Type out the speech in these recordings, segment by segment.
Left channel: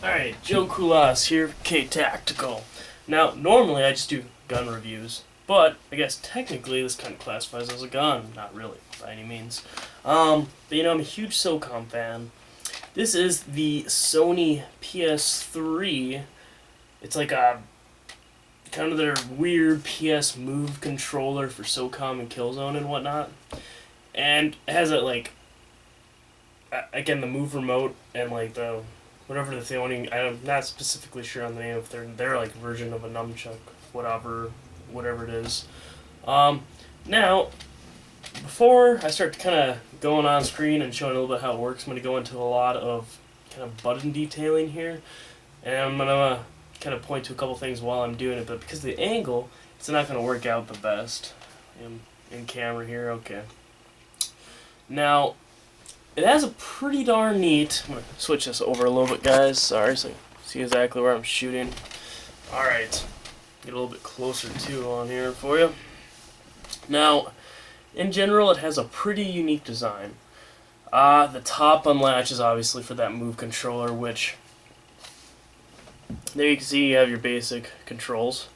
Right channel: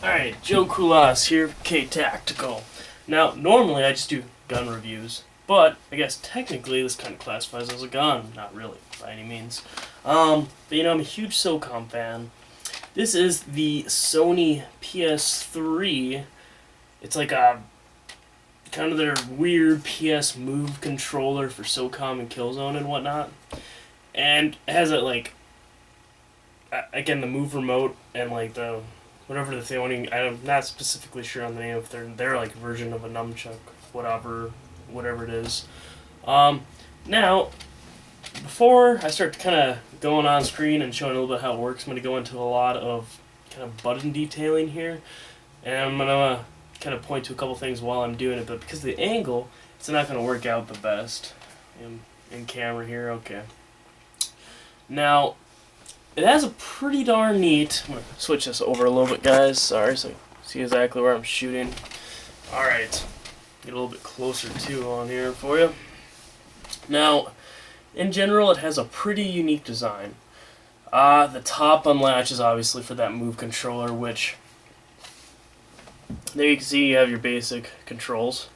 Alright, Joe Kulas here, K-Tactical. Now, normally I just do gun reviews, but I guess technically this kind of classifies as a gun. Not really, by any means. But I'm a huge Socom fan. This is the Sony PS3. It's like a kind of their weird PS Move controller for Socom and Killzone and whatnot. And it has it like, again, the Move remote and like the whatever the thing. I'm not specifically sure on the name if they're like version of a nunchuck, whatever it is. Now, before I start kind of going on screen and showing a little bit how it works, I'm going to go into a lot of kind of button detailing here, and I'm going to kind of point to a couple things while I'm doing it, but because of the angle, it's not going to work out the best. In camera here, okay. Now, it has a pretty darn neat... I'm going to switch this over a little bit, guys. Sorry, so you see exactly where I'm shooting. Alright. Get a little bit closer, too, on here for you. Now, in general, it has a pretty unique design. The top unlatch is obviously for that Move controller, which... There you can see you have your basic controls.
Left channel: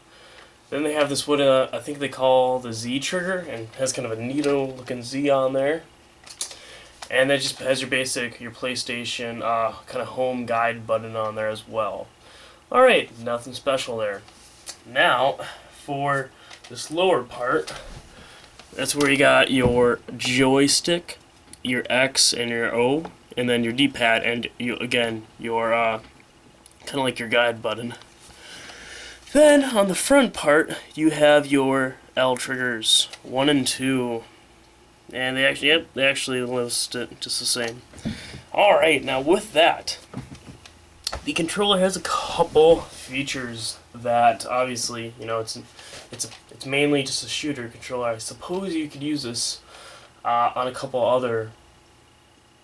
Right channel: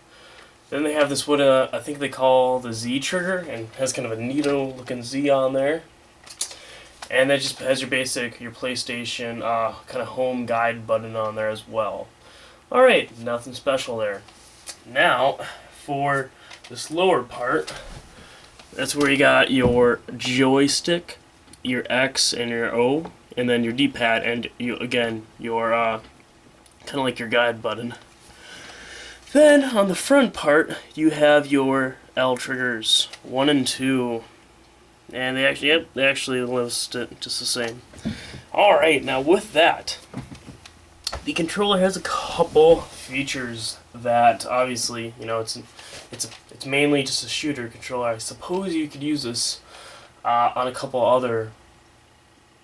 Then they have this, what I think they call the Z trigger, and has kind of a neato-looking Z on there. And that just has your basic, your PlayStation kind of home guide button on there as well. Alright, nothing special there. Now, for this lower part, that's where you got your joystick, your X and your O, and then your D-pad, and your kind of like your guide button. Then, on the front part, you have your L triggers, 1 and 2. And they actually list it just the same. Alright, now with that, the controller has a couple features that obviously, it's mainly just a shooter controller. I suppose you could use this on a couple other,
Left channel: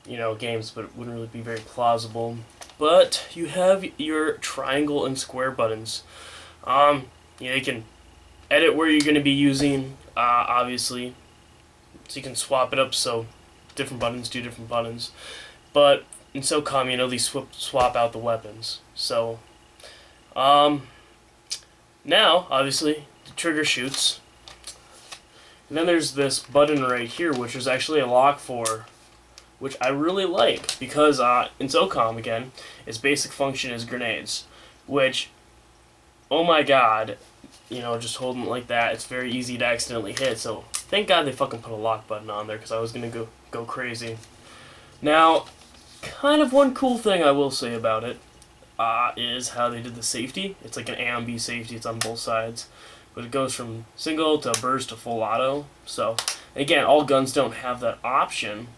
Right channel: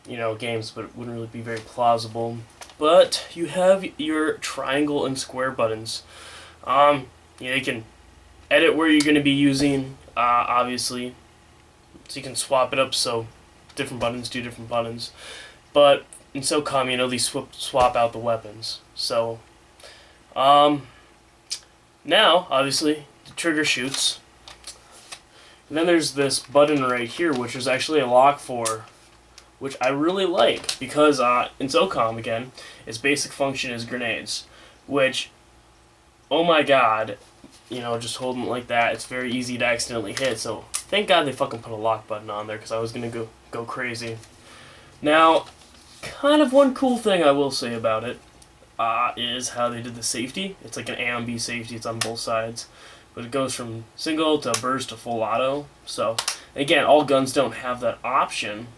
games, but it wouldn't really be very plausible. But you have your triangle and square buttons. You can edit where you're going to be using, obviously. So you can swap it up so different buttons do different buttons. But in SOCOM, they swap out the weapons. So, now, obviously, the trigger shoots. And then there's this button right here, which is actually a lock for, which I really like. Because in SOCOM, again, its basic function is grenades. Which, oh my god, just holding it like that, it's very easy to accidentally hit. So, thank God they fucking put a lock button on there, because I was going to go crazy. Now, kind of one cool thing I will say about it is how they did the safety. It's like an A and B safety, it's on both sides. But it goes from single to burst to full auto. So, again, all guns don't have that option,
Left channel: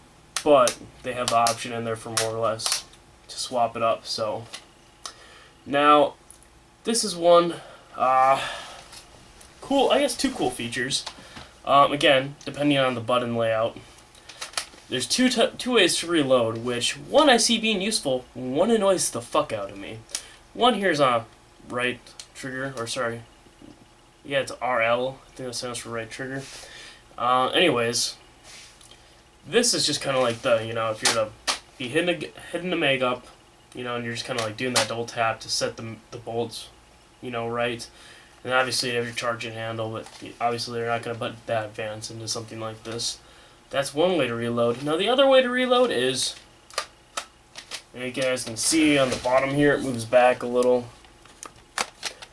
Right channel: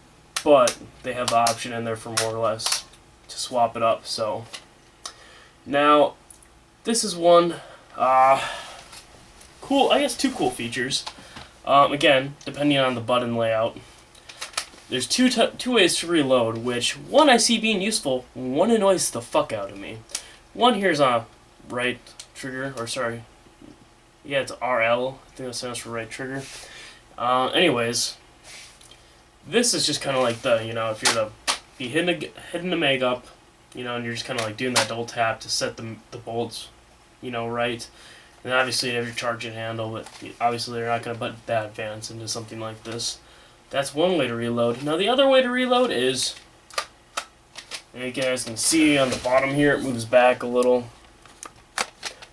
but they have the option in there for more or less to swap it up. So, now, this is one, cool, I guess two cool features. Again, depending on the button layout, there's two ways to reload, which one I see being useful, one annoys the fuck out of me. One here's on right trigger, or sorry, yeah, it's RL, I think that stands for right trigger. Anyways, this is just kind of like the, if you're to be hitting the mag up, and you're just kind of like doing that double tap to set the bolts, right. And obviously you have your charging handle, but obviously they're not going to put that advanced into something like this. That's one way to reload. Now the other way to reload is, and you guys can see on the bottom here, it moves back a little.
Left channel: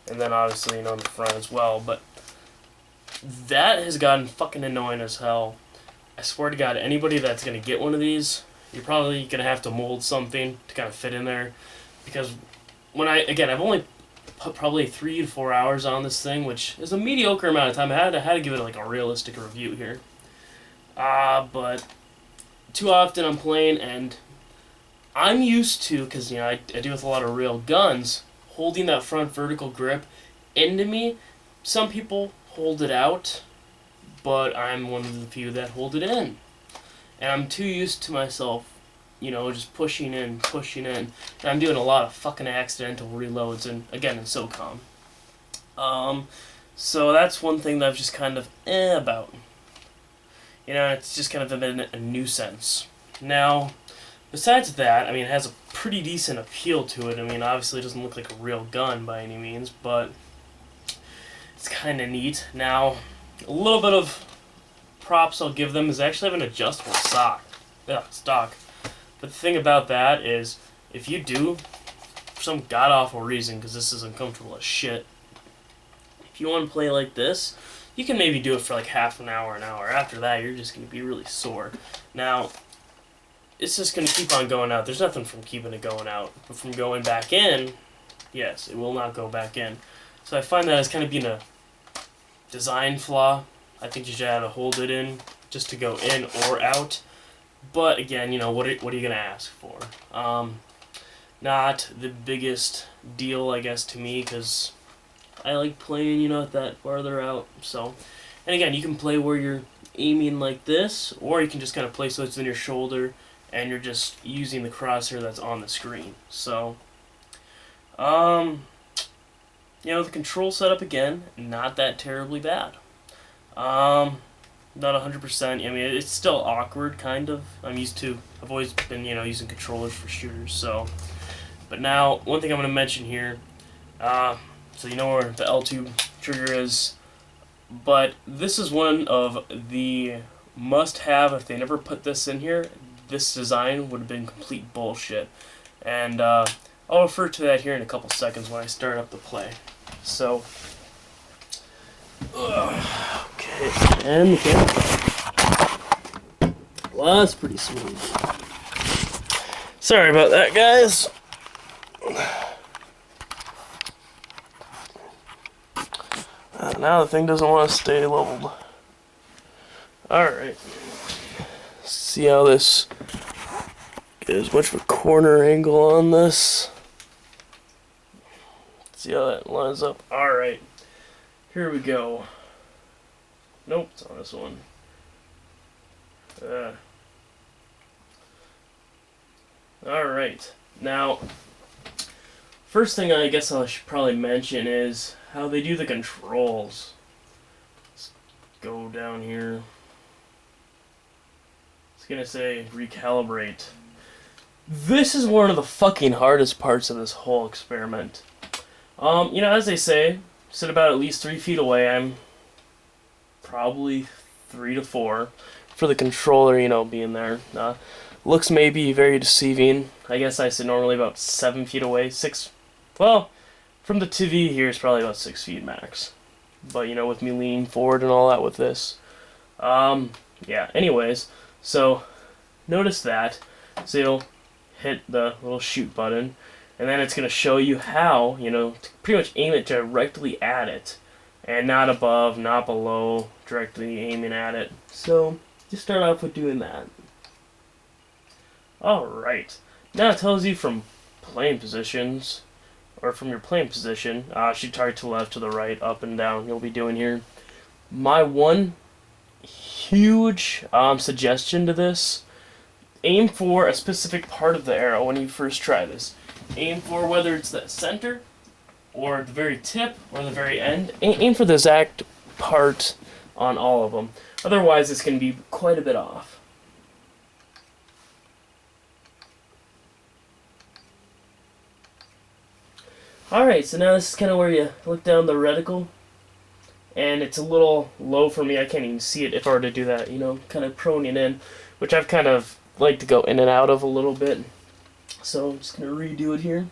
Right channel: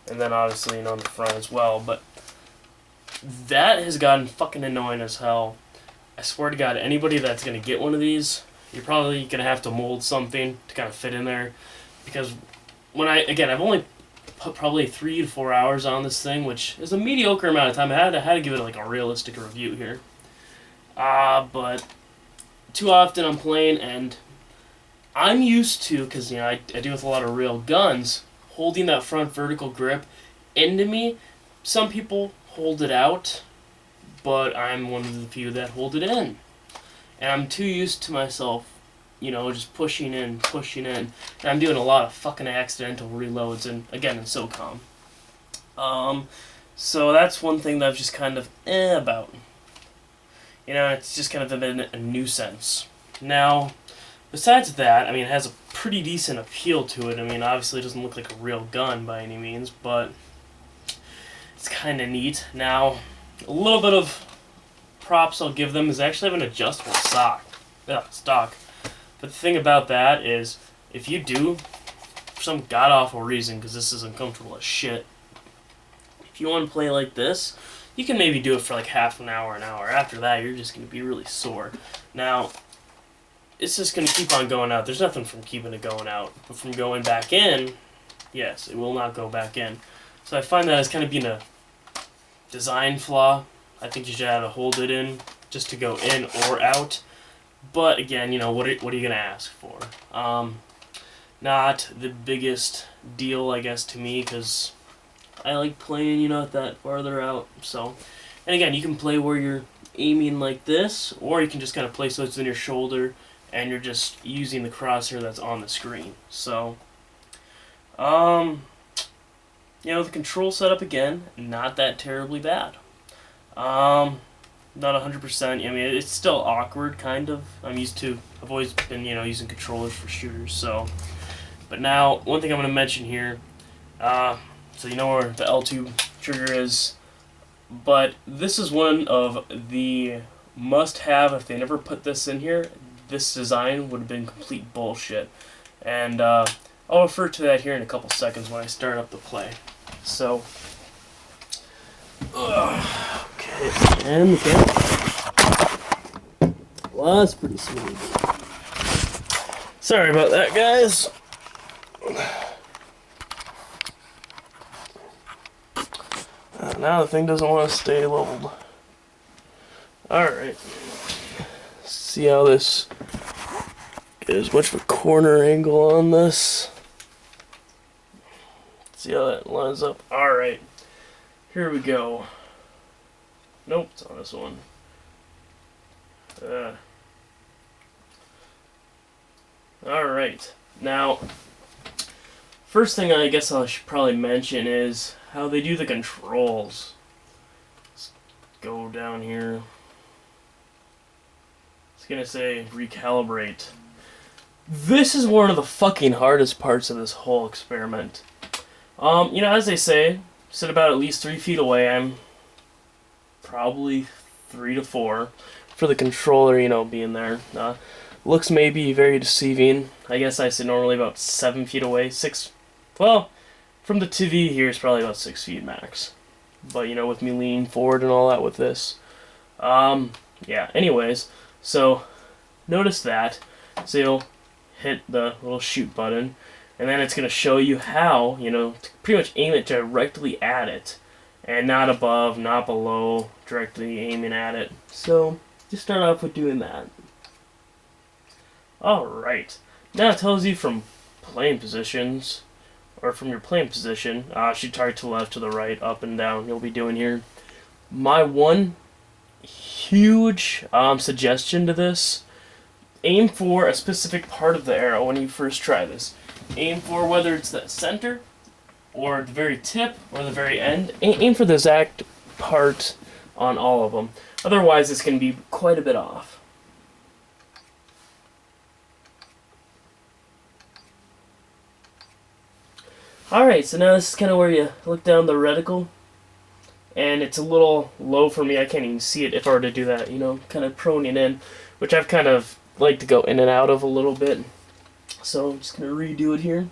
And then obviously on the front as well. But that has gotten fucking annoying as hell. I swear to God, anybody that's going to get one of these, you're probably going to have to mold something to kind of fit in there. Because I've only put probably 3 to 4 hours on this thing, which is a mediocre amount of time. I had to give it like a realistic review here. But too often I'm playing, and I'm used to, because I deal with a lot of real guns, holding that front vertical grip into me. Some people hold it out, but I'm one of the few that hold it in. And I'm too used to myself just pushing in. And I'm doing a lot of fucking accidental reloads, and again, in SOCOM. So that's one thing that I've just kind of about. It's just kind of been a nuisance. Now, besides that, I mean, it has a pretty decent appeal to it. I mean, obviously it doesn't look like a real gun by any means, but it's kind of neat. Now, a little bit of props I'll give them is they actually have an adjustable stock. But the thing about that is, if you do, for some god-awful reason, because this is uncomfortable as shit, if you want to play like this, you can maybe do it for like half an hour, an hour. After that, you're just going to be really sore. Now, it's just going to keep on going out. There's nothing from keeping it going out. But from going back in, yes, it will not go back in. So I find that as kind of being a design flaw. I think you should have to hold it in just to go in or out. But again, you know, what are you going to ask for? Not the biggest deal, I guess, to me, because I like playing, you know, that farther out. So, and again, you can play where you're aiming like this, or you can just kind of play so it's in your shoulder, and you're just using the crosshair that's on the screen. So, you know, the control setup, again, not that terribly bad. Not 100%. I mean, it's still awkward, kind of. I've always been, you know, using controllers for shooters, so. But now, one thing I'm going to mention here, so you know where the L2 trigger is, but this is one of the must-have. If they never put this in here, this design would have been complete bullshit. And I'll refer to that here in a couple seconds when I start up the play. So, okay, and the camera. Well, that's pretty smooth. Sorry about that, guys. Now the thing doesn't want to stay leveled. Alright. See how this... get as much of a corner angle on this. See how that lines up. Alright. Here we go. Nope, it's on this one. Alright. Now, first thing I guess I should probably mention is how they do the controls. Let's go down here. It's gonna say recalibrate. This is one of the fucking hardest parts of this whole experiment. You know, as they say, sit about at least 3 feet away. I'm probably 3 to 4 for the controller, you know, being there. Looks may be very deceiving. I guess I sit normally about 7 feet away. 6, well, from the TV here it's probably about 6 feet max. But, you know, with me leaning forward and all that with this. Yeah, anyways, so notice that. So you'll hit the little shoot button, and then it's going to show you how, you know, to pretty much aim it directly at it. And not above, not below, directly aiming at it. So, just start off with doing that. Alright. Now it tells you from playing positions, or from your playing position, should target to the left, to the right, up and down, you'll be doing here. My one huge suggestion to this, aim for a specific part of the arrow when you first try this. Aim for whether it's the center, or the very tip, or the very end. Aim for the exact part on all of them. Otherwise, it's going to be quite a bit off. Alright, so now this is kind of where you look down the reticle. And it's a little low for me. I can't even see it if I were to do that, you know, kind of proning in. Which I've kind of like to go in and out of a little bit. So I'm just going to redo it here.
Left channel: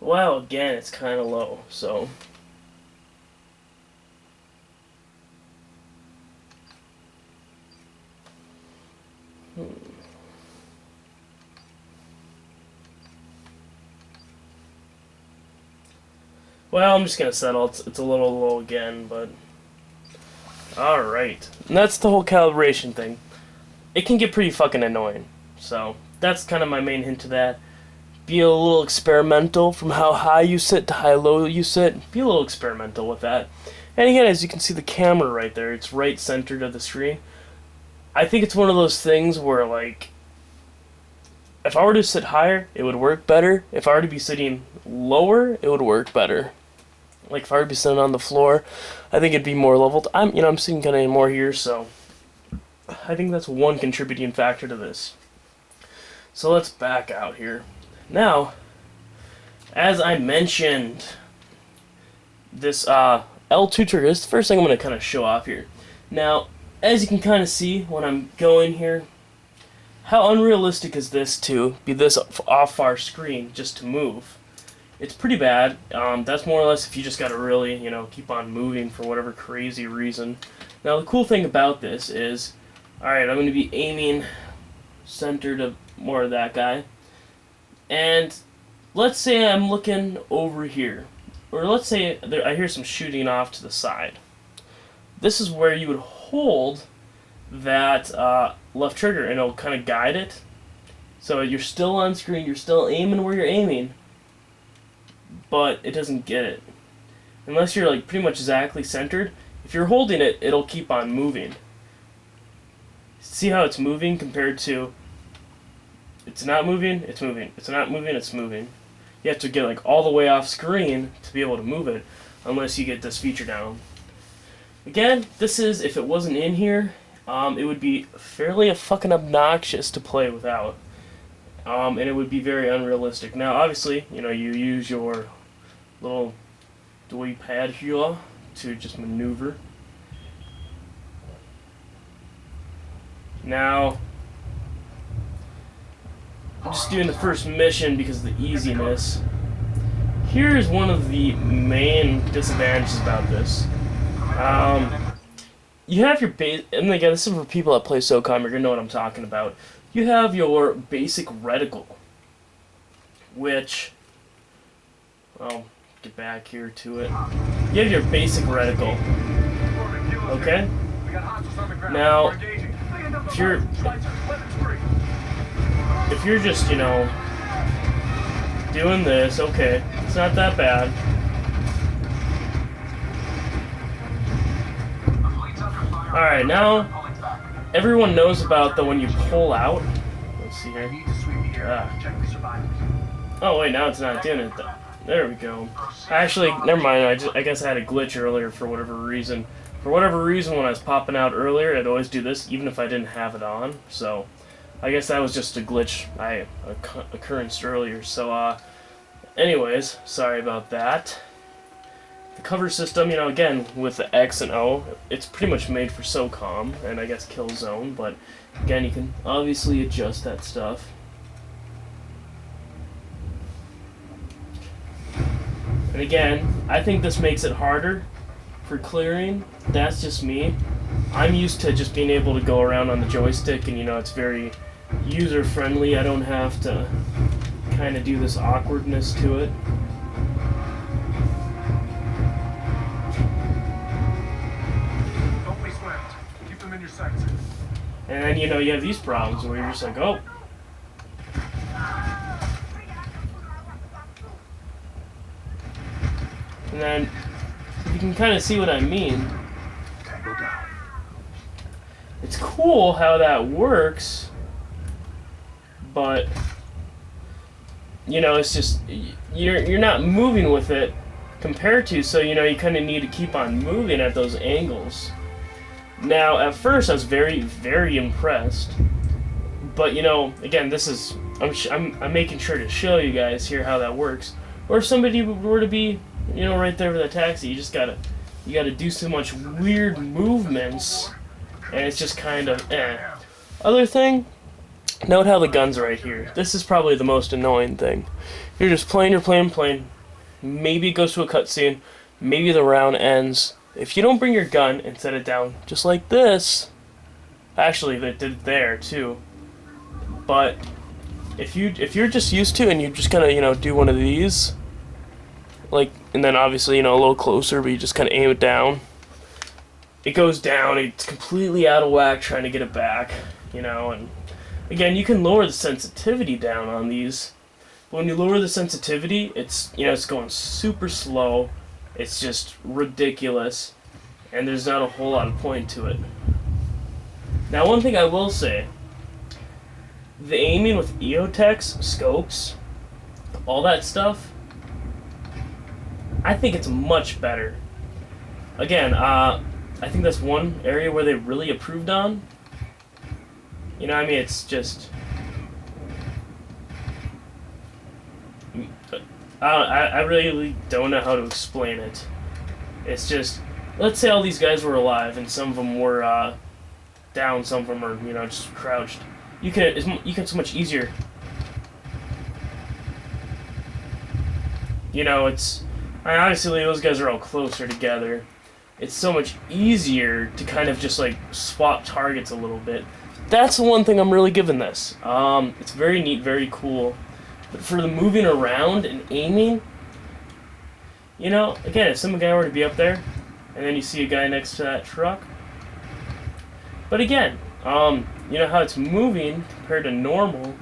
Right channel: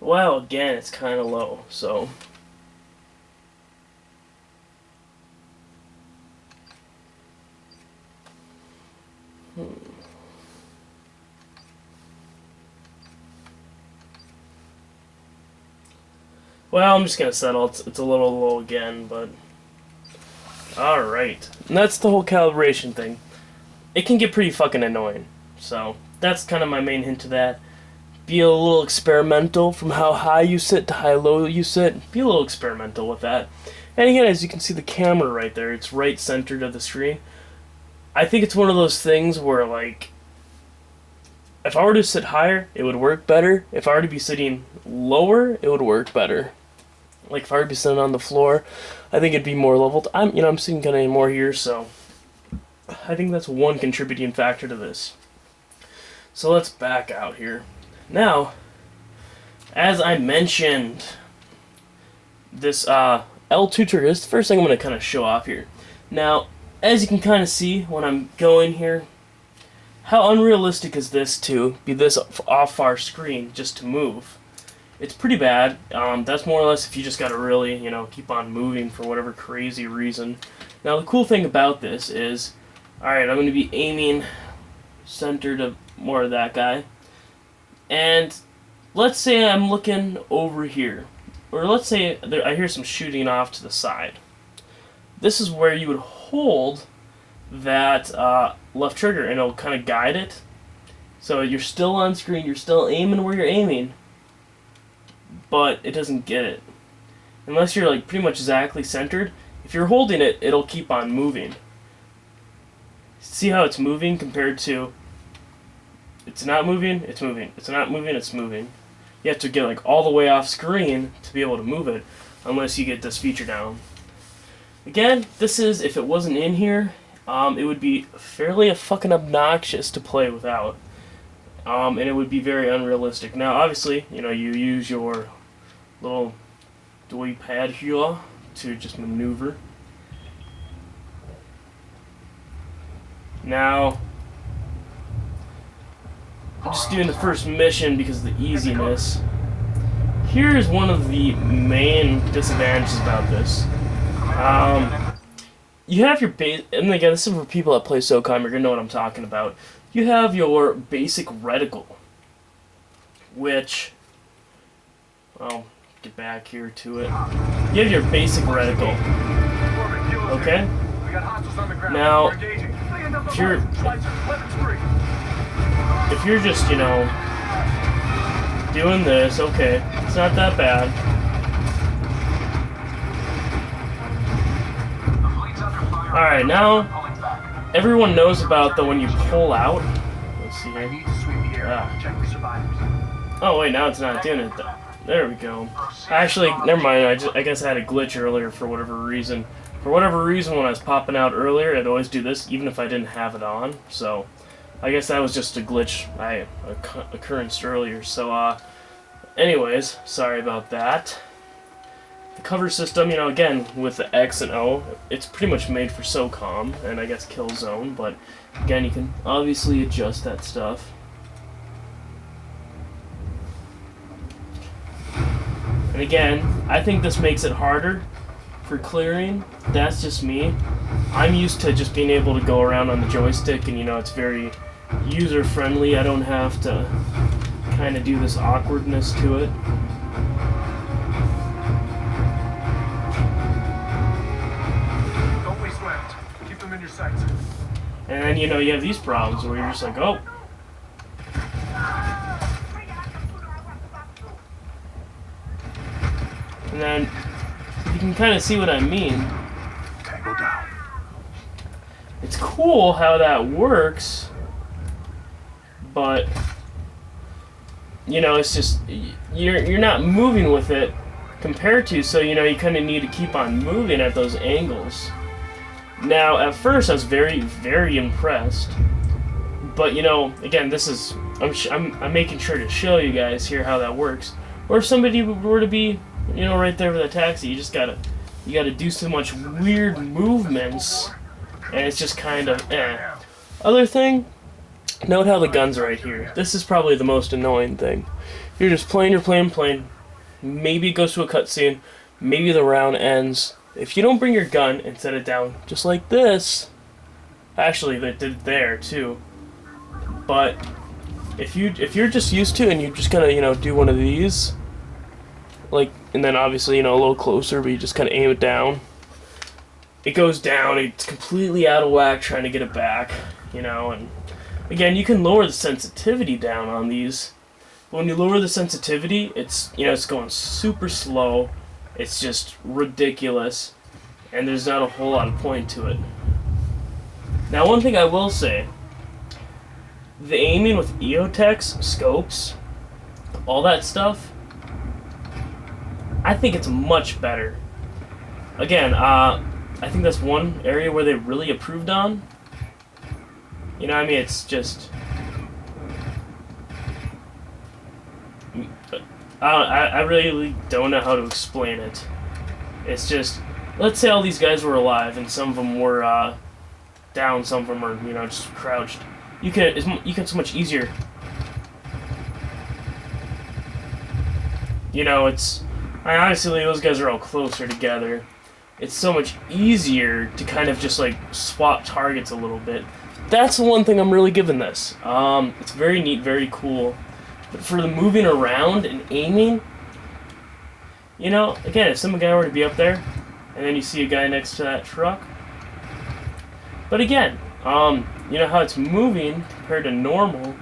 Wow, again, it's kind of low, so... Well, I'm just going to settle. It's a little low again, but... Alright. And that's the whole calibration thing. It can get pretty fucking annoying. So, that's kind of my main hint to that. Be a little experimental from how high you sit to how low you sit. Be a little experimental with that. And again, as you can see the camera right there, it's right centered of the screen. I think it's one of those things where, like, if I were to sit higher, it would work better. If I were to be sitting lower, it would work better. Like if I were to be sitting on the floor, I think it'd be more leveled. I'm sitting kind of more here, so I think that's one contributing factor to this. So let's back out here. Now, as I mentioned, this L2 trigger is the first thing I'm going to kind of show off here. Now, as you can kind of see when I'm going here, how unrealistic is this to be this off our screen just to move? It's pretty bad. That's more or less if you just got to really, keep on moving for whatever crazy reason. Now, the cool thing about this is, alright, I'm going to be aiming center to more of that guy. And let's say I'm looking over here. Or let's say I hear some shooting off to the side. This is where you would hold that left trigger and it'll kind of guide it. So you're still on screen, you're still aiming where you're aiming, but it doesn't get it. Unless you're like pretty much exactly centered, if you're holding it, it'll keep on moving. See how it's moving compared to it's not moving, it's moving. It's not moving, it's moving. You have to get like all the way off screen to be able to move it, unless you get this feature down. Again, this is, if it wasn't in here, it would be fairly fucking obnoxious to play without. And it would be very unrealistic. Now, obviously, you use your little joypad here to just maneuver. Now, I'm just doing the first mission because of the easiness. Here's one of the main disadvantages about this. You have your base, and again, this is for people that play Socom, you're gonna know what I'm talking about. You have your basic reticle, which, I'll get back here to it. You have your basic reticle, okay? Now, if you're just, doing this, okay, it's not that bad. Alright, now, everyone knows about when you pull out. Let's see here. Oh, wait, now it's not doing it, though. There we go. Actually, never mind, I guess I had a glitch earlier for whatever reason. For whatever reason, when I was popping out earlier, I'd always do this, even if I didn't have it on, so I guess that was just a glitch occurrence earlier. So, anyways, sorry about that. The cover system, again, with the X and O, it's pretty much made for Socom, and I guess Killzone, but again, you can obviously adjust that stuff. And again, I think this makes it harder for clearing. That's just me. I'm used to just being able to go around on the joystick, and it's very user-friendly. I don't have to kind of do this awkwardness to it. In your sights. And then, you have these problems where you're just like, oh. And then, you can kind of see what I mean. Tango down. It's cool how that works, but, it's just, you're not moving with it compared to, so, you kind of need to keep on moving at those angles. Now, at first, I was very, very impressed, but again, this is I'm making sure to show you guys here how that works. Or if somebody were to be, right there with a taxi, you gotta do so much weird movements, and it's just kind of Other thing, note how the gun's right here. This is probably the most annoying thing. You're just playing. Maybe it goes to a cutscene. Maybe the round ends. If you don't bring your gun and set it down just like this, actually they did it there too, but if you're just used to and you just kind of do one of these, like, and then obviously a little closer, but you just kind of aim it down, it goes down, it's completely out of whack trying to get it back, and again, you can lower the sensitivity down on these, but when you lower the sensitivity, it's it's going super slow. It's just ridiculous, and there's not a whole lot of point to it. Now, one thing I will say, the aiming with EOTechs, scopes, all that stuff, I think it's much better. Again, I think that's one area where they really improved on. You know what I mean? It's just... I really don't know how to explain it. It's just... Let's say all these guys were alive and some of them were down, some of them are, you know, just crouched. You can so much easier... You know, it's... Obviously, those guys are all closer together. It's so much easier to kind of just, like, swap targets a little bit. That's the one thing I'm really giving this. It's very neat, very cool. But for the moving around and aiming, you know, again, if some guy were to be up there, and then you see a guy next to that truck. But again, you know how it's moving compared to normal?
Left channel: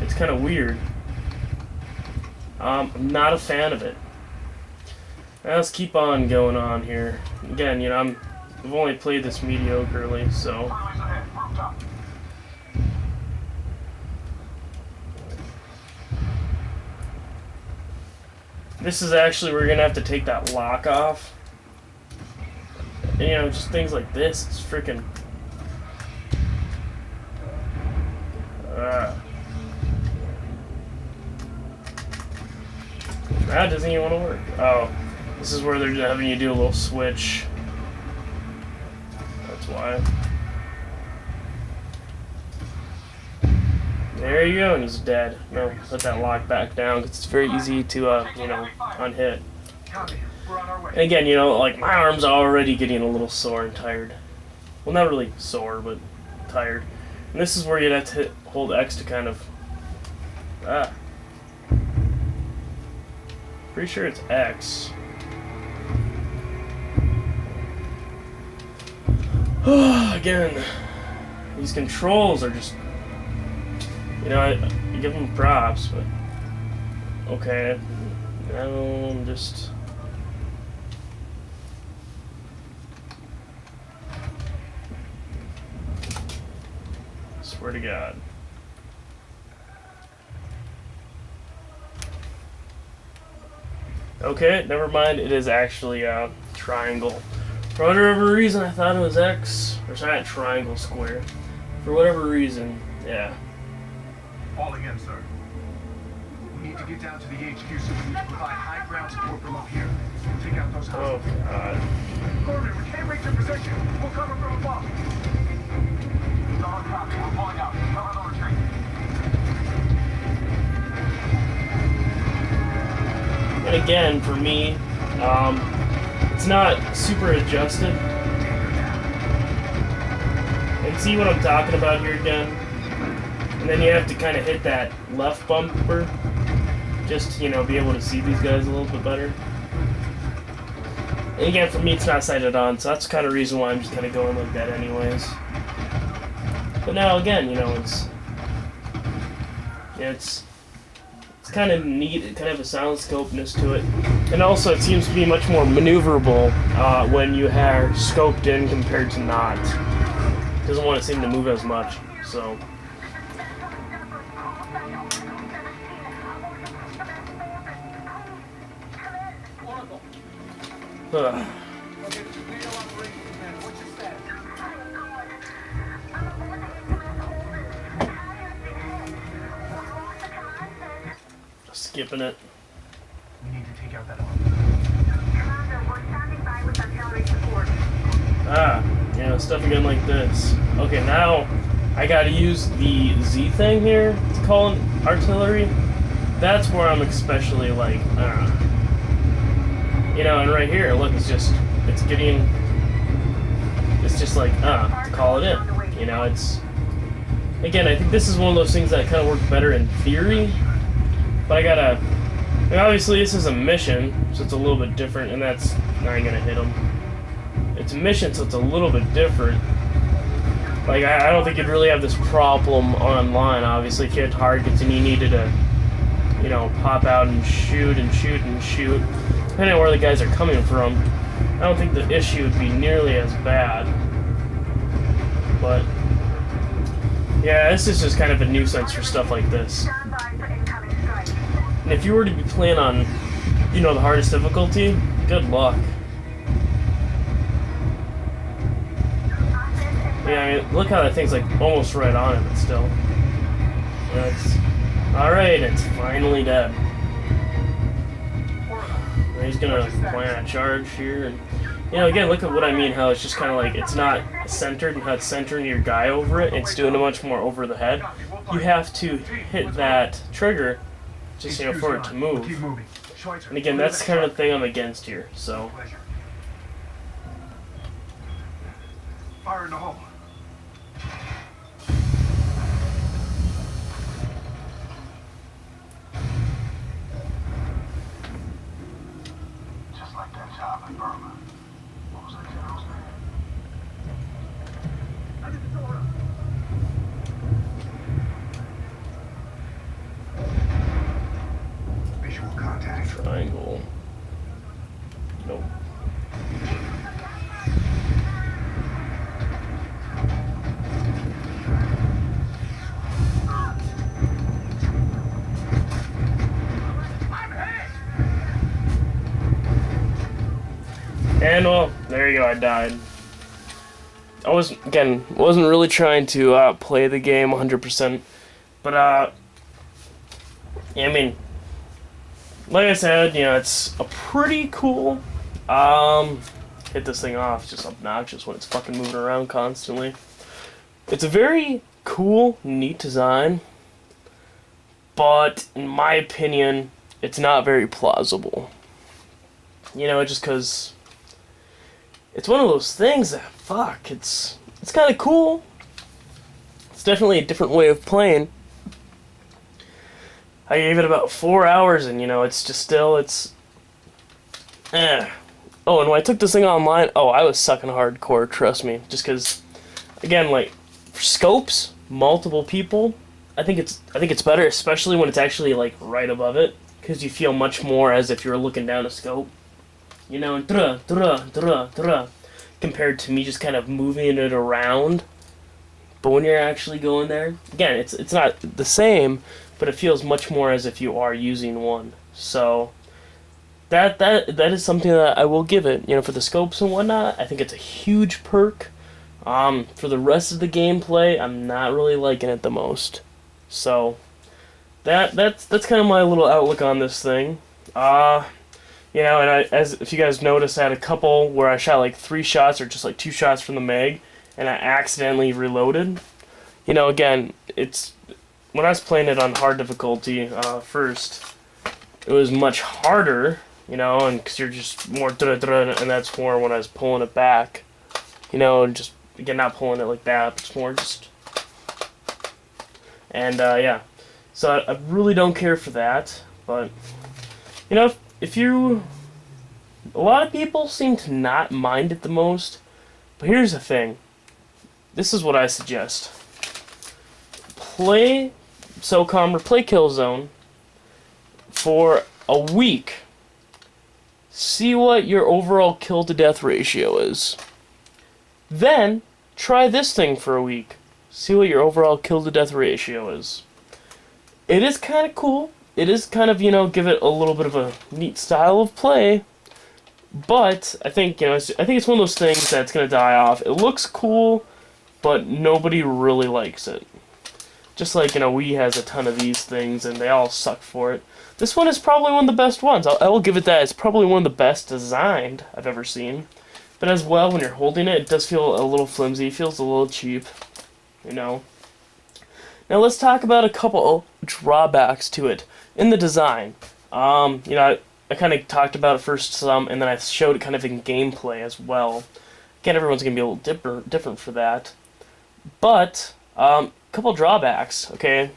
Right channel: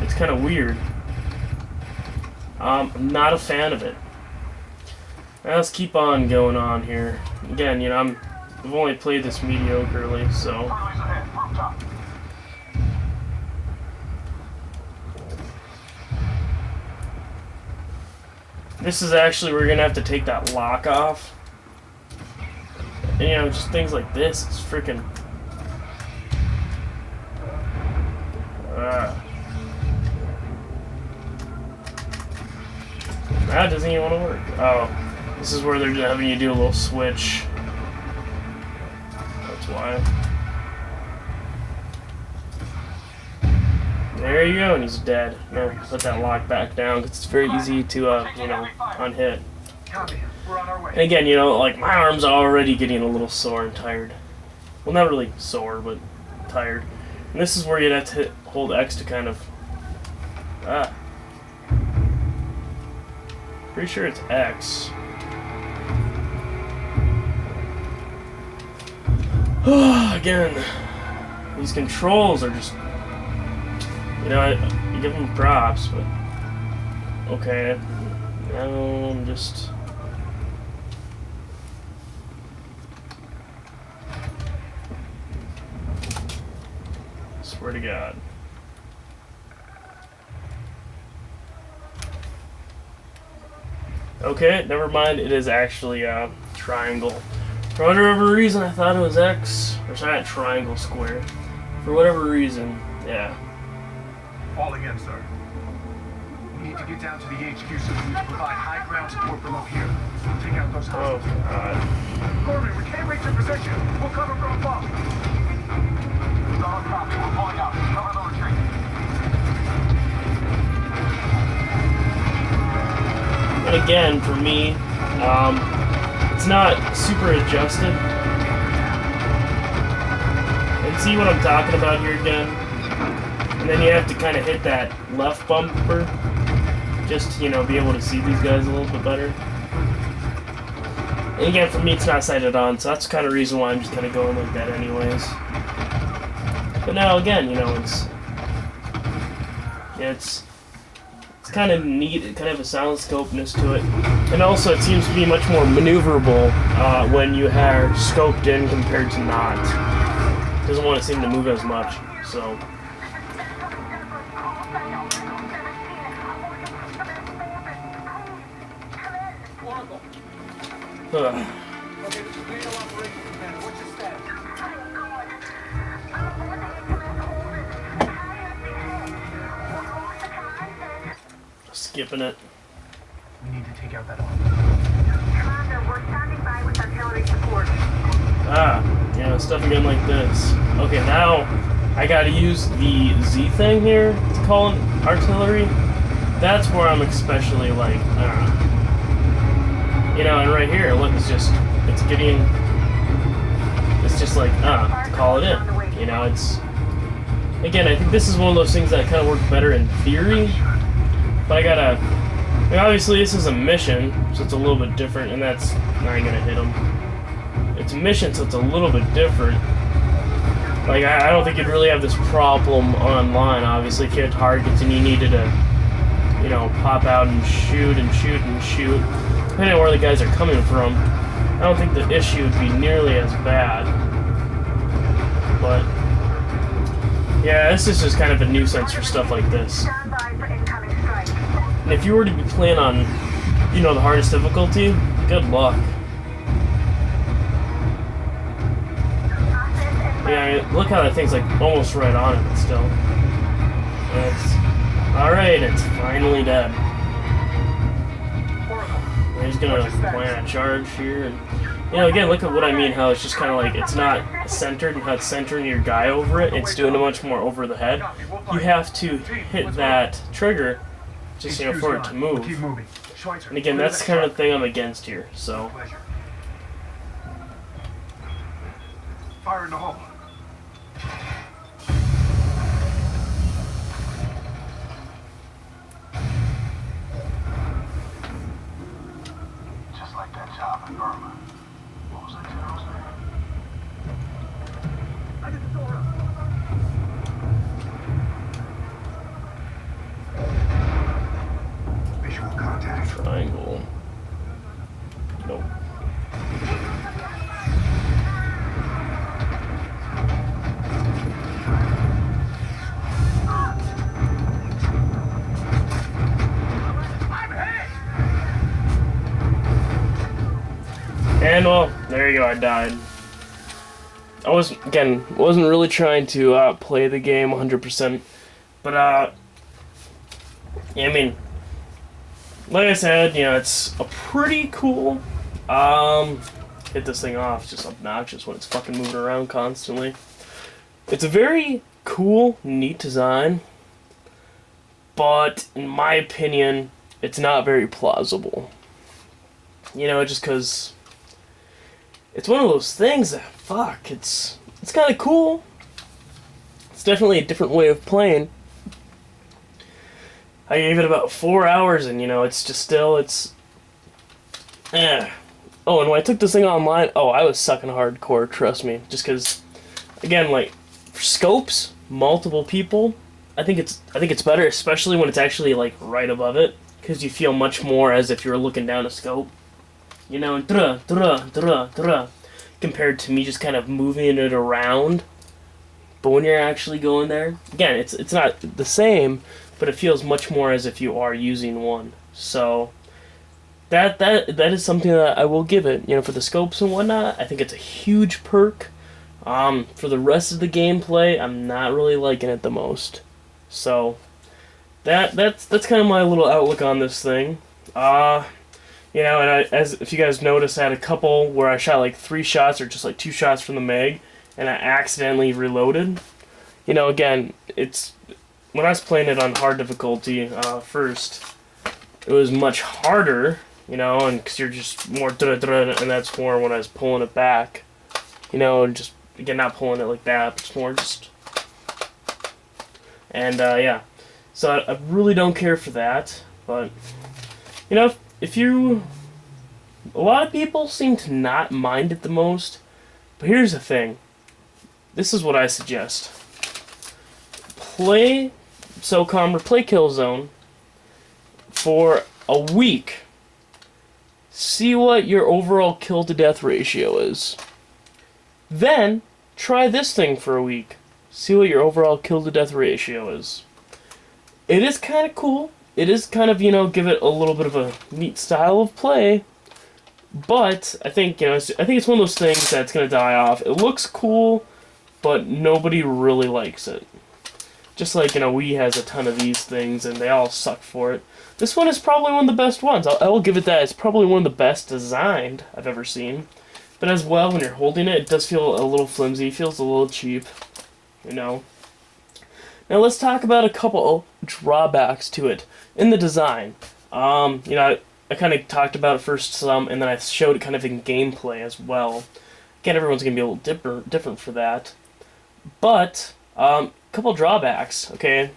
It's kind of weird. I'm not a fan of it. Now let's keep on going on here. Again, you know, I've only played this mediocrely, so... This is actually, we're gonna have to take that lock off. And, you know, just things like this, it's freaking... That doesn't even want to work. Oh, this is where they're having you do a little switch. That's why. There you go, and he's dead. No, put that lock back down, because it's very easy to, you know, unhit. And again, you know, like, my arm's already getting a little sore and tired. Well, not really sore, but tired. And this is where you'd have to hold X to kind of... Pretty sure it's X. Again, these controls are just... You know, I give them props, but... Okay, now I'm just... Swear to God. Okay, never mind, it is actually a triangle. For whatever reason, I thought it was X, or sorry, triangle, square. For whatever reason, yeah. Falling in, sir. We need to get down to the HQ so we can provide high ground support below here. Take out those Oh, hostiles. God. Corbin, we can't reach your position. We'll cover from above. Solid copy. We're pulling out. Cover the retreat. And again, for me, it's not super adjusted. And see what I'm talking about here again? And then you have to kind of hit that left bumper just to, you know, be able to see these guys a little bit better. And again, for me, it's not sighted on, so that's kind of the reason why I'm just kind of going like that anyways. But now, again, you know, it's kind of neat. It kind of have a sound scopeness to it. And also, it seems to be much more maneuverable when you are scoped in compared to not. It doesn't want to seem to move as much, so... Skipping it. We need to take out that arm. Commander, we're standing by with artillery support. Yeah, stuff again like this. Okay, now I gotta use the Z thing here to call an artillery. That's where I'm especially like, you know, and right here, look, it's just like, to call it in. You know, it's, again, I think this is one of those things that kind of work better in theory, but I gotta, I mean, obviously this is a mission, so it's a little bit different, and that's, I ain't gonna hit him. It's a mission, so it's a little bit different. Like, I don't think you'd really have this problem online, obviously, if you had targets and you needed to, you know, pop out and shoot and shoot and shoot, depending on where the guys are coming from. I don't think the issue would be nearly as bad. But, yeah, this is just kind of a nuisance for stuff like this. Stand by for incoming strike. And if you were to be planning on you know, the hardest difficulty, good luck. Yeah, I mean, look how that thing's like almost right on it, but still. Alright, it's finally dead. He's gonna plant a charge here, and you know, again, look at what I mean, how it's just kind of like, it's not centered, and how it's centering your guy over it, it's doing it much more over the head. You have to hit that trigger, just, you know, for it to move. And again, that's the kind of thing I'm against here, so. Fire in the hole. Just like that job in Burma. What was that general's name? Visual contact. Triangle. Nope. And well, there you go, I died. I wasn't really trying to play the game 100%, but yeah, I mean, like I said, you know, it's a pretty cool, hit this thing off, it's just obnoxious when it's fucking moving around constantly. It's a very cool, neat design, but in my opinion, it's not very plausible. You know, just because it's one of those things that, fuck, it's kind of cool. It's definitely a different way of playing. I gave it about 4 hours, and you know, it's just still, Oh, and when I took this thing online, I was sucking hardcore, trust me. Just because, again, like, for scopes, multiple people, I think it's better, especially when it's actually, like, right above it, because you feel much more as if you're looking down a scope. You know, compared to me just kind of moving it around. But when you're actually going there, again, it's not the same, but it feels much more as if you are using one. So that is something that I will give it. You know, for the scopes and whatnot, I think it's a huge perk. For the rest of the gameplay, I'm not really liking it the most. So that's kind of my little outlook on this thing. You know, and if you guys noticed, I had a couple where I shot like 3 shots or just like 2 shots from the mag, and I accidentally reloaded. You know, again, when I was playing it on hard difficulty first, it was much harder, you know, and because you're just more and that's more when I was pulling it back, you know, and just, again, not pulling it like that, but it's more just, and yeah, so I really don't care for that, but, you know, a lot of people seem to not mind it the most, but here's the thing. This is what I suggest. Play Socom or play Killzone for a week. See what your overall kill to death ratio is. Then, try this thing for a week. See what your overall kill to death ratio is. It is kind of cool. It is kind of, you know, give it a little bit of a neat style of play, but I think, you know, I think it's one of those things that's going to die off. It looks cool, but nobody really likes it. Just like, you know, Wii has a ton of these things, and they all suck for it. This one is probably one of the best ones. I will give it that. It's probably one of the best designed I've ever seen. But as well, when you're holding it, it does feel a little flimsy. It feels a little cheap, you know. Now let's talk about a couple drawbacks to it in the design. You know, I kind of talked about it first some, and then I showed it kind of in gameplay as well. Again, everyone's going to be a little different for that. But, couple drawbacks, okay?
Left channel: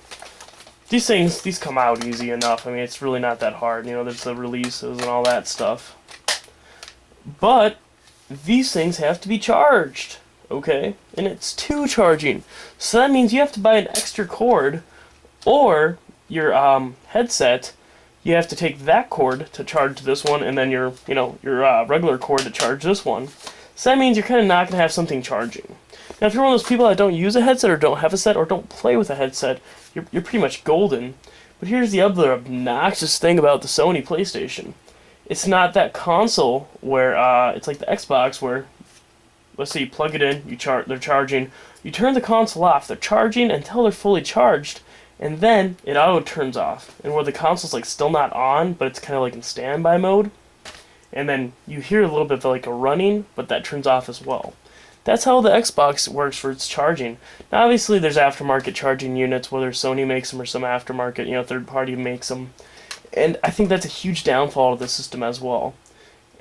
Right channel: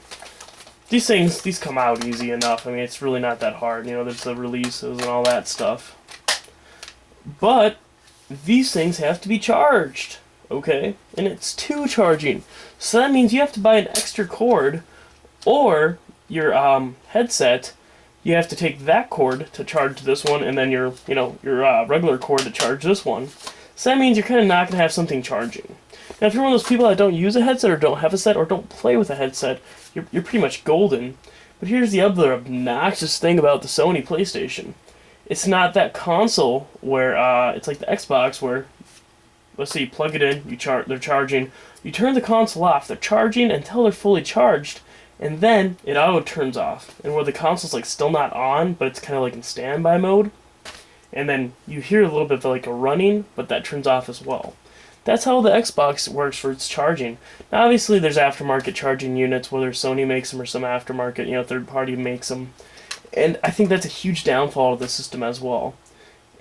These come out easy enough. I mean, it's really not that hard. You know, there's the releases and all that stuff. But these things have to be charged, okay? And it's 2 charging. So that means you have to buy an extra cord, or your headset, you have to take that cord to charge this one, and then your regular cord to charge this one. So that means you're kind of not going to have something charging. Now, if you're one of those people that don't use a headset, or don't have a set, or don't play with a headset, you're pretty much golden. But here's the other obnoxious thing about the Sony PlayStation. it's not that console where it's like the Xbox where, let's say you plug it in, they're charging, you turn the console off, they're charging until they're fully charged, and then it auto turns off, and where the console's like still not on, but it's kind of like in standby mode, and then you hear a little bit of like a running, but that turns off as well. That's how the Xbox works for its charging. Now obviously there's aftermarket charging units, whether Sony makes them or some aftermarket, third party makes them. And I think that's a huge downfall of the system as well.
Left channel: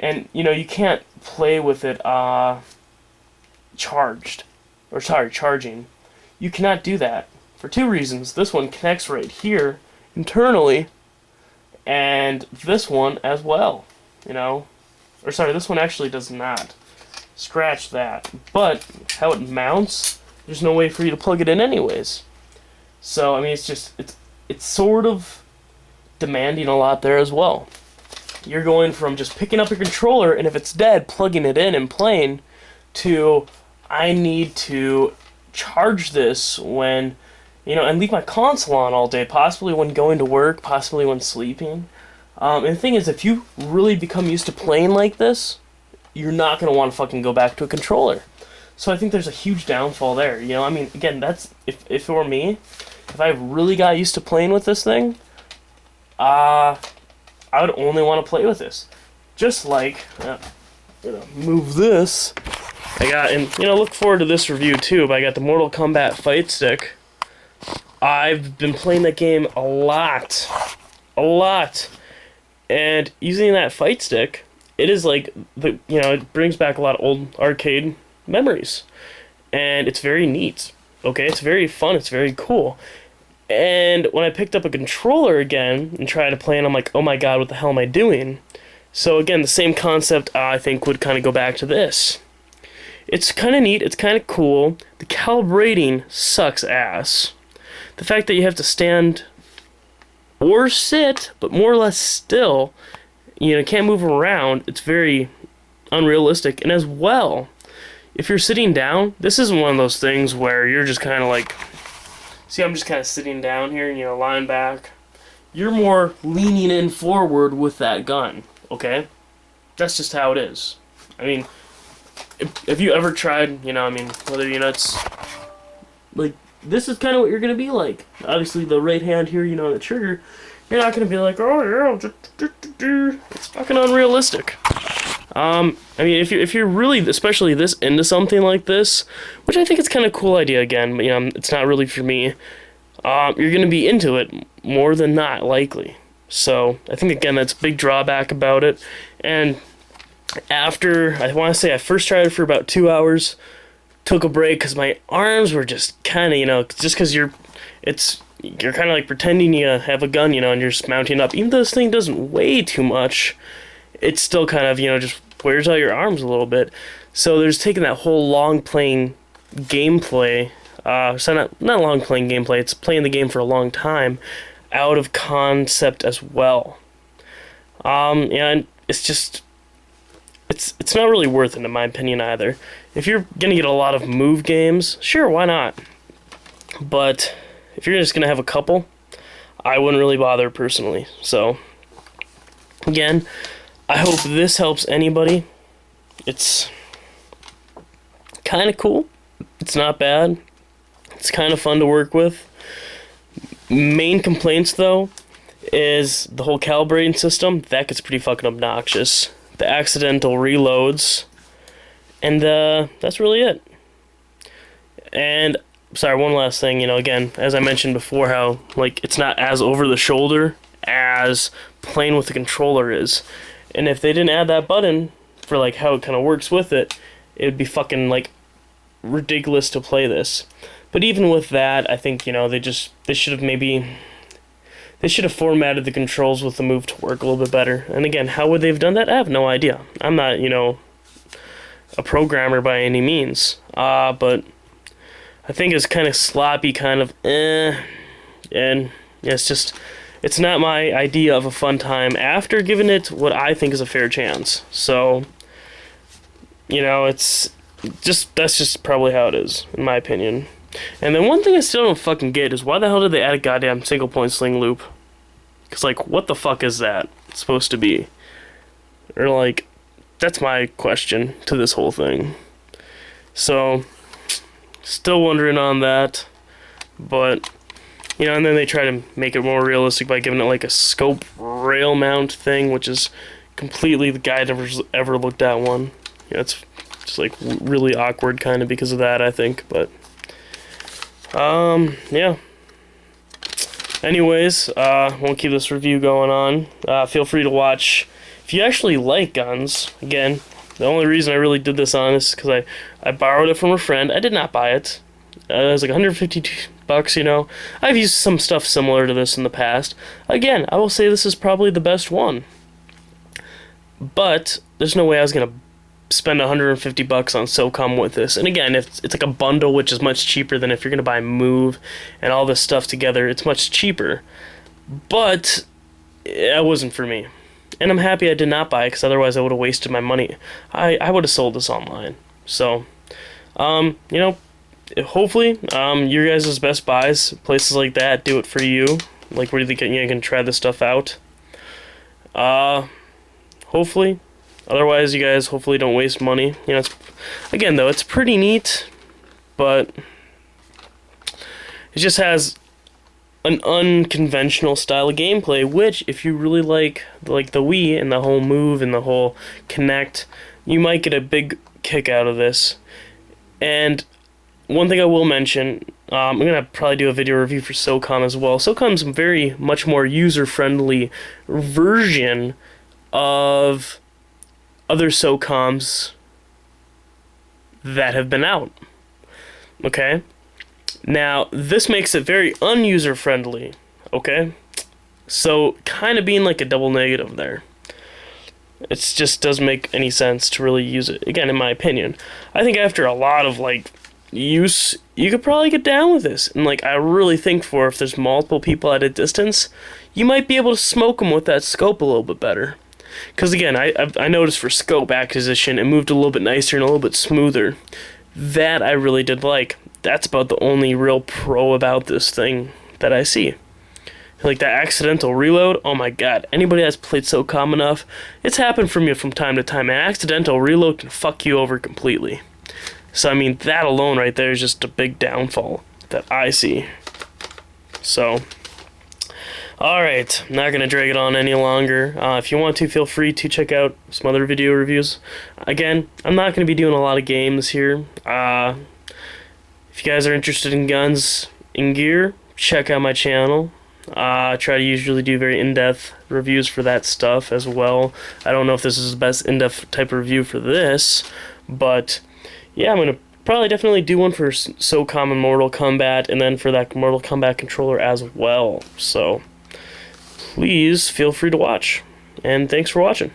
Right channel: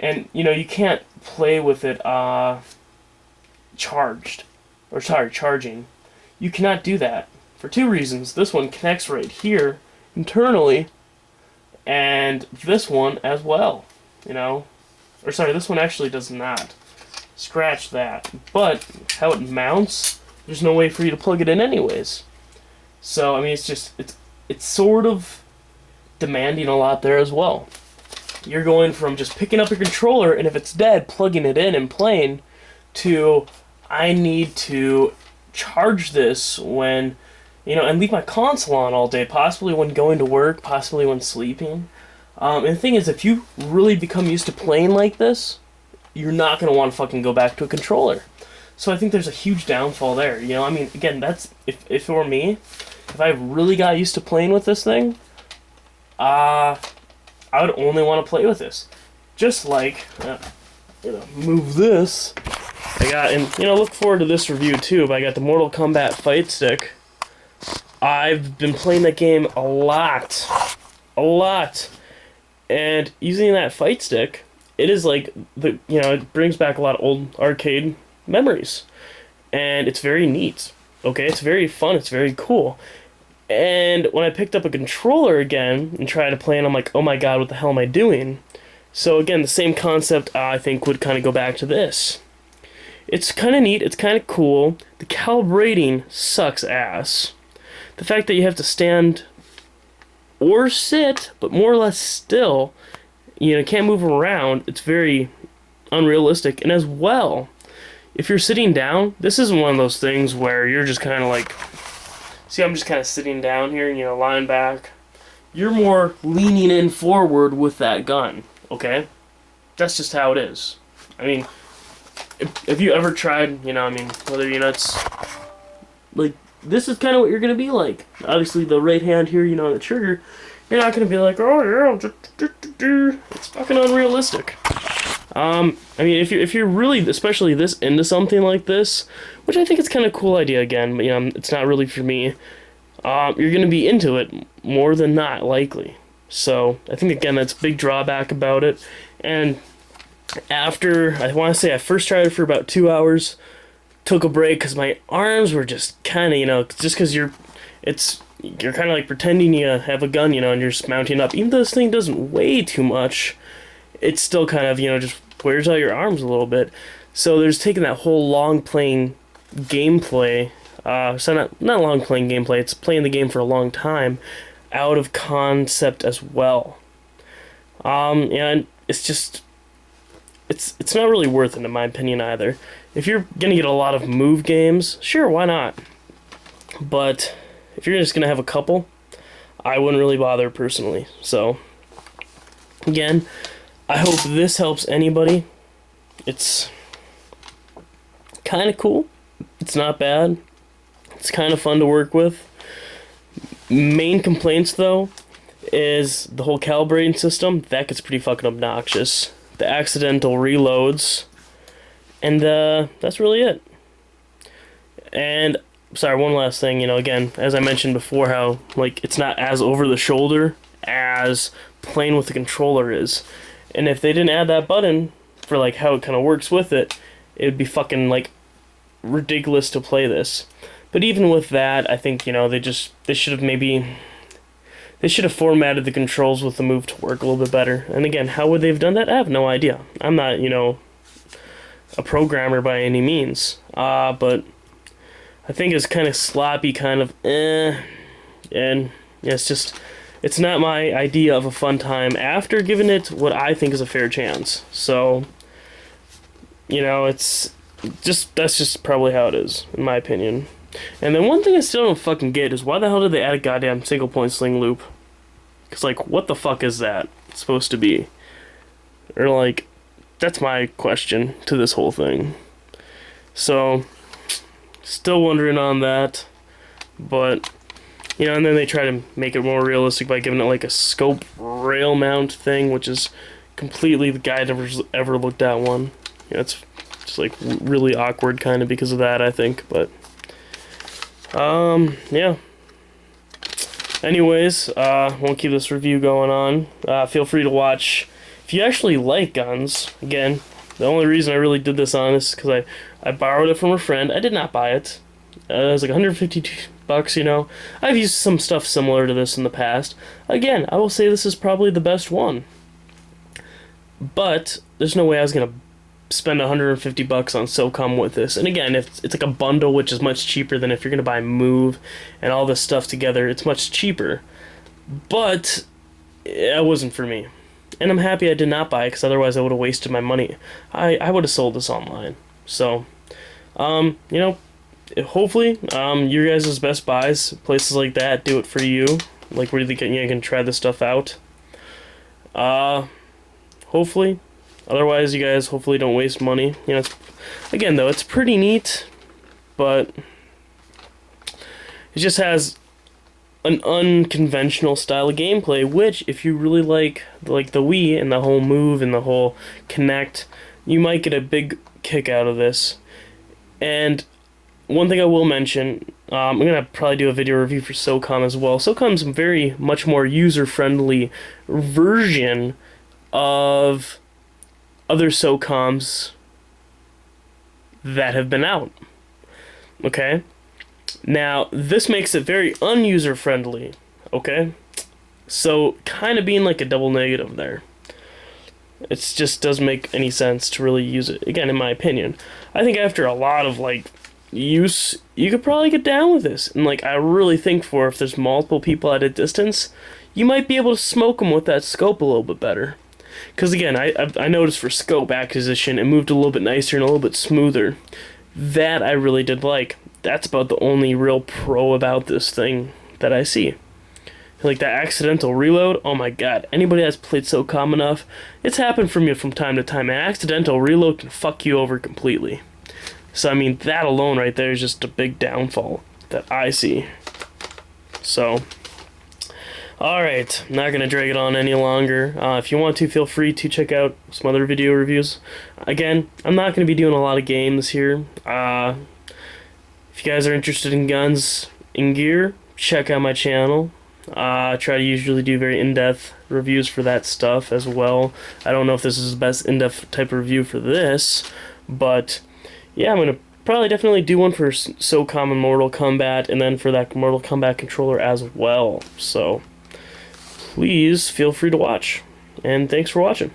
And, you can't play with it charging. You cannot do that for two reasons. This one connects right here internally, and this one as well, this one actually does not. Scratch that. But how it mounts, there's no way for you to plug it in anyways. So, it's sort of demanding a lot there as well. You're going from just picking up a controller, and if it's dead, plugging it in and playing, to I need to charge this when, and leave my console on all day, possibly when going to work, possibly when sleeping. And the thing is, if you really become used to playing like this, you're not going to want to fucking go back to a controller. So I think there's a huge downfall there. Again, that's, if it were me, if I really got used to playing with this thing, I would only want to play with this. Just like, move this. I got, and look forward to this review too, but I got the Mortal Kombat fight stick. I've been playing that game a lot. And using that fight stick, it is like, it brings back a lot of old arcade memories. And it's very neat. Okay, it's very fun, it's very cool. And when I picked up a controller again and tried to play, and I'm like, oh my god, what the hell am I doing? So again, the same concept I think would kind of go back to this. It's kind of neat, it's kind of cool. The calibrating sucks ass. The fact that you have to stand or sit, but more or less still, can't move around, it's very unrealistic. And as well, if you're sitting down, this isn't one of those things where you're just kind of like, see, I'm just kind of sitting down here, lying back. You're more leaning in forward with that gun, okay? That's just how it is. If you ever tried, whether it's like, this is kind of what you're going to be like. Obviously, the right hand here, on the trigger, you're not going to be like, oh, yeah, it's fucking unrealistic. If you're really, especially this, into something like this, which I think it's kind of a cool idea again, but, it's not really for me, you're going to be into it more than not, likely. So, I think, again, that's a big drawback about it. And after, I want to say I first tried it for about 2 hours, took a break because my arms were just kind of, just because you're kind of like pretending you have a gun, and you're just mounting up. Even though this thing doesn't weigh too much, it's still kind of, just wears out your arms a little bit. So there's taking that whole long playing gameplay, so not long playing gameplay, it's playing the game for a long time, out of concept as well. And it's just, it's not really worth it in my opinion either. If you're gonna get a lot of move games, sure, why not? But if you're just gonna have a couple, I wouldn't really bother personally. So, again, I hope this helps anybody. It's kind of cool. It's not bad. It's kind of fun to work with. Main complaints, though, is the whole calibrating system. That gets pretty fucking obnoxious. The accidental reloads. And that's really it. And, sorry, one last thing. Again, as I mentioned before, how, it's not as over the shoulder as playing with the controller is. And if they didn't add that button for, how it kind of works with it, it would be fucking, ridiculous to play this. But even with that, I think, they should have formatted the controls with the move to work a little bit better. And again, how would they have done that? I have no idea. I'm not, a programmer by any means. But I think it's kind of sloppy, kind of And yeah, it's not my idea of a fun time after giving it what I think is a fair chance. So, that's just probably how it is, in my opinion. And then one thing I still don't fucking get is why the hell did they add a goddamn single point sling loop? Because, what the fuck is that supposed to be? Or, like, that's my question to this whole thing. So, still wondering on that. But, you know, and then they try to make it more realistic by giving it, like, a scope rail mount thing, which is completely the guy never's ever looked at one. You know, it's just, like, really awkward kind of because of that, I think. But, yeah. Anyways, won't keep this review going on. Feel free to watch. If you actually like guns, again, the only reason I really did this on is because I borrowed it from a friend. I did not buy it. It was like $150, you know. I've used some stuff similar to this in the past. Again, I will say this is probably the best one. But there's no way I was going to spend $150 on Socom with this. And again, if it's like a bundle, which is much cheaper than if you're going to buy Move and all this stuff together, it's much cheaper. But it wasn't for me. And I'm happy I did not buy it, because otherwise I would have wasted my money. I would have sold this online. So, you know, hopefully, your guys' Best Buys, places like that, do it for you. Like, where you can try this stuff out. Hopefully. Otherwise, you guys hopefully don't waste money. You know, again, though, it's pretty neat, but it just has an unconventional style of gameplay, which, if you really like the Wii and the whole Move and the whole Kinect, you might get a big kick out of this. And one thing I will mention, I'm going to probably do a video review for Socom as well. Socom's a very much more user-friendly version of other Socoms that have been out. Okay? Now, this makes it very unuser-friendly. Okay? So, kind of being like a double negative there. It just doesn't make any sense to really use it. Again, in my opinion. I think after a lot of, like, use, you could probably get down with this. And, like, I really think for if there's multiple people at a distance, you might be able to smoke them with that scope a little bit better. Because, again, I noticed for scope acquisition, it moved a little bit nicer and a little bit smoother. That I really did like. That's about the only real pro about this thing that I see. Like that accidental reload, oh my god. Anybody that's played Socom enough, it's happened from you from time to time. An accidental reload can fuck you over completely. So, I mean, that alone right there is just a big downfall that I see. So, alright, not going to drag it on any longer. If you want to, feel free to check out some other video reviews. Again, I'm not going to be doing a lot of games here. If you guys are interested in guns and gear, check out my channel. I try to usually do very in-depth reviews for that stuff as well. I don't know if this is the best in-depth type of review for this, but yeah, I'm going to probably definitely do one for Socom and Mortal Kombat, and then for that Mortal Kombat controller as well. So, please feel free to watch, and thanks for watching.